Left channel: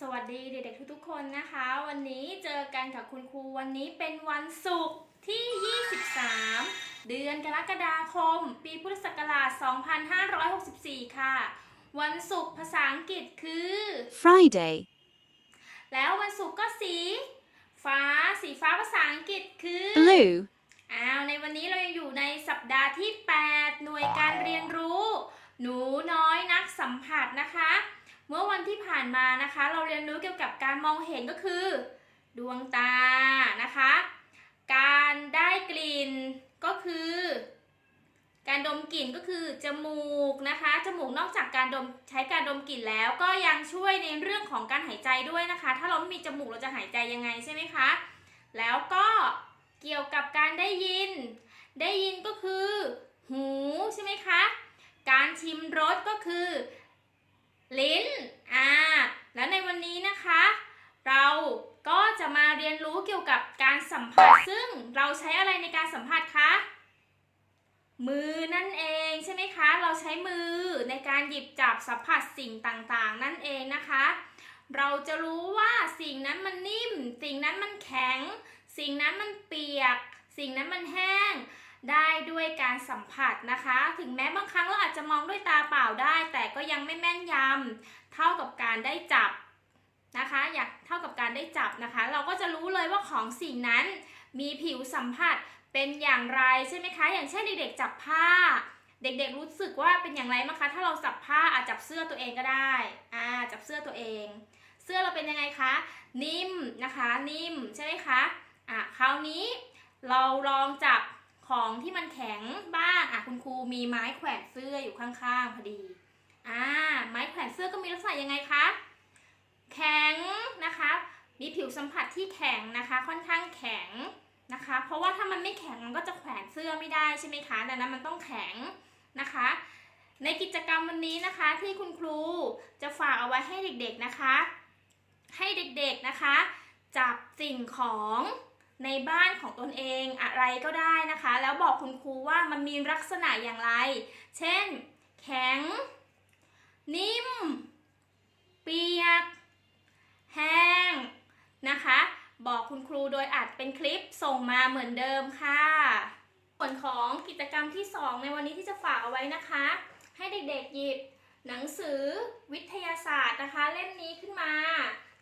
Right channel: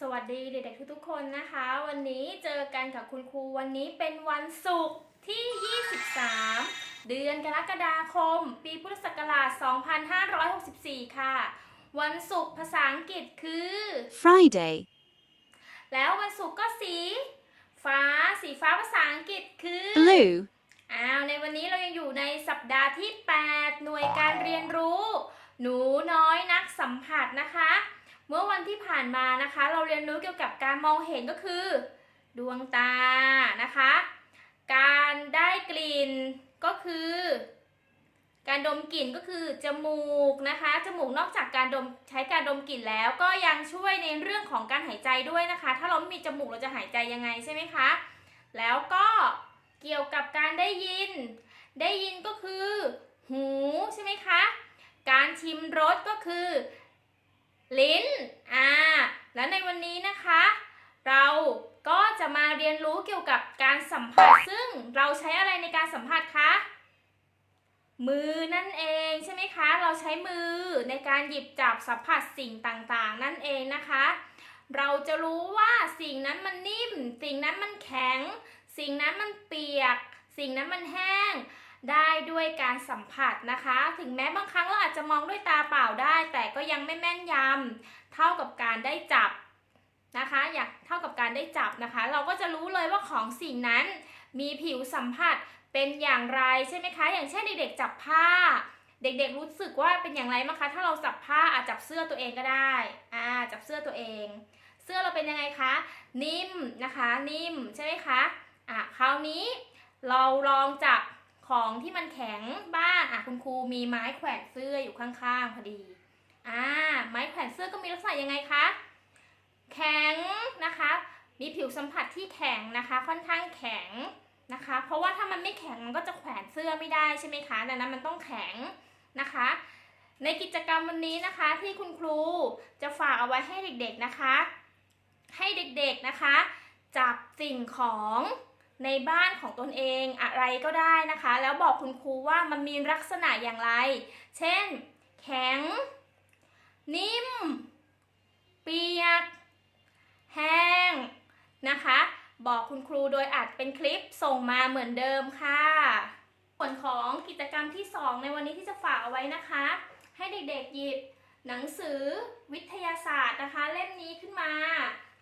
สวัสดีเด็กๆทุกๆคนนะคะ วันนี้เจอกันกับคุณครูวันนี้เป็นวันศุกร์ที่ 23 เดือนกรกฎาคม ปีพุทธศักราช 2564 ค่ะ วันศุกร์ภาษาอังกฤษคือ Friday, แล้ววันศุกร์ก็สี ฟ้าสีฟ้าภาษาอังกฤษคือ blue, อ้าวในวันนี้เรายังอยู่ในสัปดาห์ที่ 8 หน่วยการเรียนรู้ หนูน้อยนักสัมผัสนะคะ เมื่อวันที่ผ่านมานะคะ เราเรียนรู้เกี่ยวกับการมองเห็นก็คือ ดวงตานะคะ การได้กลิ่นก็คือ การดมกลิ่นก็คือจมูกนะคะจมูกนอกจากการดมใช้การดมกลิ่นแล้ว ก็ยังช่วยในเรื่องของการหายใจด้วยนะคะ ถ้าเราไม่มีจมูกเราจะหายใจยังไงใช่ไหมคะแล้วก็เกี่ยวกับการได้ยิน ได้ยินก็คือ หูใช่ไหมคะ การชิมรสก็คือ ลิ้น อ่า แล้วในวันนี้นะคะ เราก็จะมาเรียนรู้เกี่ยวกับการสัมผัส ซึ่งเราใช้อะไรในการสัมผัสคะ มือนั่นเองใช่ไหมคะ เราใช้มือในการหยิบจับสัมผัสสิ่งต่างๆ นั่นเองนะคะ เราจะรู้ว่าสิ่งนั้นมันนิ่ม สิ่งนั้นมันแข็ง สิ่งนั้นมันเปียก สิ่งนั้นมันแห้ง ได้ด้วยการสัมผัสนะคะ ถึงแม้บางครั้งเราอาจจะมองด้วยตาเปล่าได้ แต่ก็ยังไม่แม่นยำเท่ากับการได้จับนะคะ อยากเท่ากับการได้จับนะคะ เราก็จะรู้เลยว่าของสิ่งนั้น มีผิวสัมผัสเป็นอย่างไรใช่ไหมคะ อย่างเช่นเด็กๆจับผ้า เด็กๆรู้สึกว่าเป็นอย่างไรบ้งคะ ถ้าเราจับผ้าอาจจับเสื้อตัวเองก็ได้อ่าจับเสื้อตัวเอง เสื้อเราเป็นยังไงคะ นิ่มนะคะ นิ่มใช่ไหมคะอะคราวนี้เราลองจับ ของที่มันแข็งบ้างอะคุณครูมีไม้แขวนเสื้ออยู่ข้างๆพอดีอ่าไม้แขวนเสื้อก็มีลักษณะยังไงคะแข็งนะคะมีผิวสัมผัสที่แข็งนะคะ ค่อนข้างแข็งนะคะ เพราะว่าถ้ามันไม่แข็งมันก็จะแขวนเสื้อไม่ได้ใช่ไหมคะดังนั้นมันต้องแข็งนะคะ ในกิจกรรมวันนี้นะคะที่คุณครูจะฝากเอาไว้ให้เด็กๆนะคะ ให้เด็กๆนะคะ จับสิ่งของ ในบ้านของตนเองอะไรก็ได้นะคะ แล้วบอกคุณครูว่ามันมีลักษณะอย่างไร เช่น แข็ง นิ่ม เปียก แห้งนะคะ บอกคุณครูโดยอัดเป็นคลิปส่งมาเหมือนเดิมค่ะ ส่วนของกิจกรรมที่ 2 ในวันนี้ที่จะฝากเอาไว้นะคะ ให้เด็กๆหยิบหนังสือวิทยาศาสตร์นะคะ เล่มนี้ขึ้นมา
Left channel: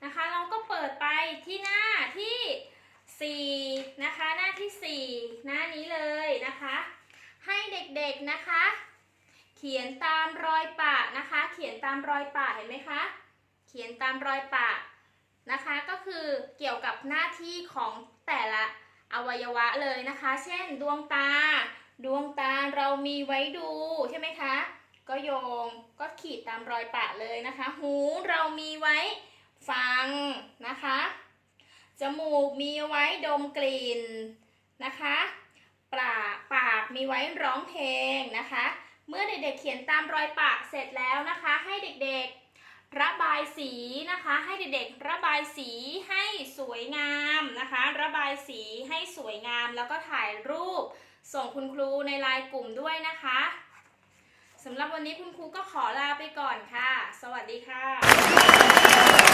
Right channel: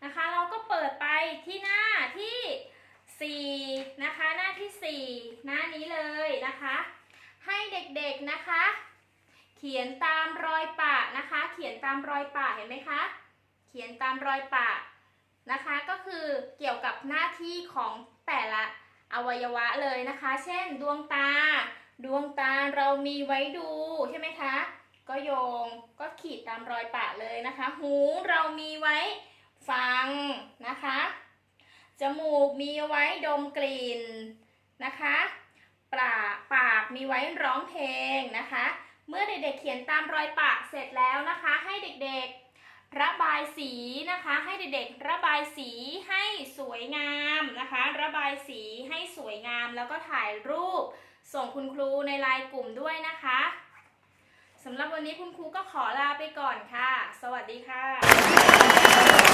นะคะ เราก็เปิดไปที่หน้าที่ 4 นะคะ หน้าที่ 4 หน้านี้เลยนะคะ ให้เด็กๆนะคะ เขียนตามรอยปะนะคะ เขียนตามรอยปะเห็นไหมคะ เขียนตามรอยปะนะคะ ก็คือเกี่ยวกับหน้าที่ของแต่ละอวัยวะเลยนะคะ เช่น ดวงตา ดวงตาเรามีไว้ดูใช่ไหมคะ ก็โยงก็ขีดตามรอยปะเลยนะคะ หูเรามีไว้ฟังนะคะ จมูกมีไว้ดมกลิ่นนะคะปากปากมีไว้ร้องเพลงนะคะ เมื่อเด็กๆเขียนตามรอยปะเสร็จแล้วนะคะ ให้เด็กๆระบายสีนะคะ ให้เด็กๆระบายสีให้สวยงามนะคะ ระบายสีให้สวยงาม แล้วก็ถ่ายรูปส่งคุณครูในไลน์กลุ่มด้วยนะคะสำหรับวันนี้คุณครูก็ขอลาไปก่อนค่ะ สวัสดีค่ะ